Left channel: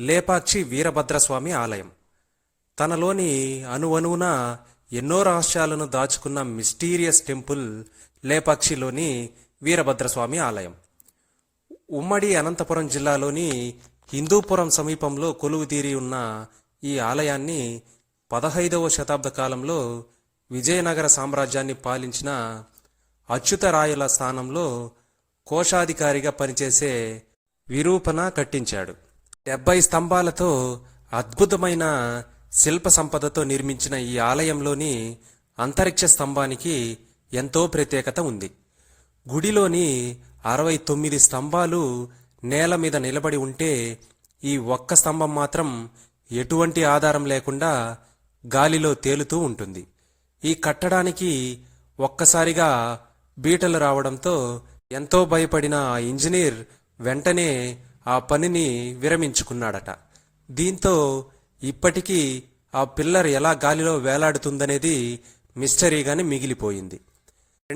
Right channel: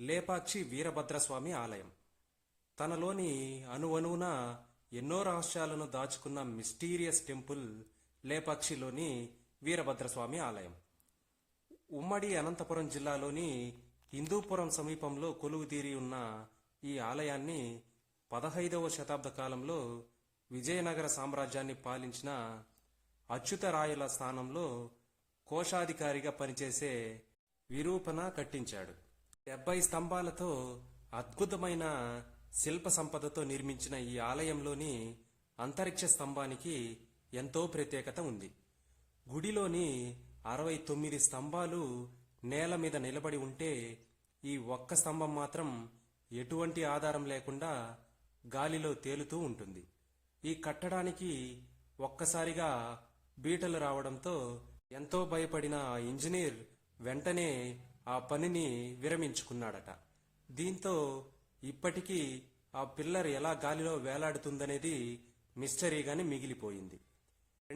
లేపాక్షి వీరభద్రస్వామి ఆలయం. తనలోని అణువణువున ఎన్నో రహస్యాలను దాచుకున్న మిస్టీరియస్ టెంపుల్ లేపాక్షిలోని వీరభద్రస్వామి ఆలయం. ఉమ్మడి అనంతపురం జిల్లాలోని హిందూపురం సమీపంలో కొలువుతీరి ఉన్న ఈ ఆలయాన్ని పదహైదవ శతాబ్ద కాలంలో విజయనగర సామ్రాజ్యాన్ని పాలించిన అచ్యుతరాయుల స్థానంలో కోశాధికారిగా పనిచేసే విరూపణ కట్టించాడు. డెబ్బై స్తంభాలతో అద్భుతమైన శిల్ప సంపదతో నిర్మించిన ఈ ఆలయంలోని అంతరిక్ష స్తంభానికి ఎంతో ప్రత్యేకత ఉంది. గుడిలోని అరవై తొమ్మిది స్తంభాలు నేల మీద నిలబడి ఉంటే ఈ ఒక్క స్తంభం మాత్రం ఎటువంటి ఆధారం లేకుండా గాలిలో తేలుతూ ఉంటుంది. ఈ కట్టడానికి ఒక్కసారిగా బీటలు రావడంతో ఎంతో భయపడిన ఆ ఇంజనీర్ వెంటనే ఆ పనిని విరమించుకున్నాడట. దీంతో ఇప్పటికీ ఆ పిల్లర్ ఎలా గాలిలో వేలాడుతుందనేది మిస్టరీగానే మిగిలిపోయింది.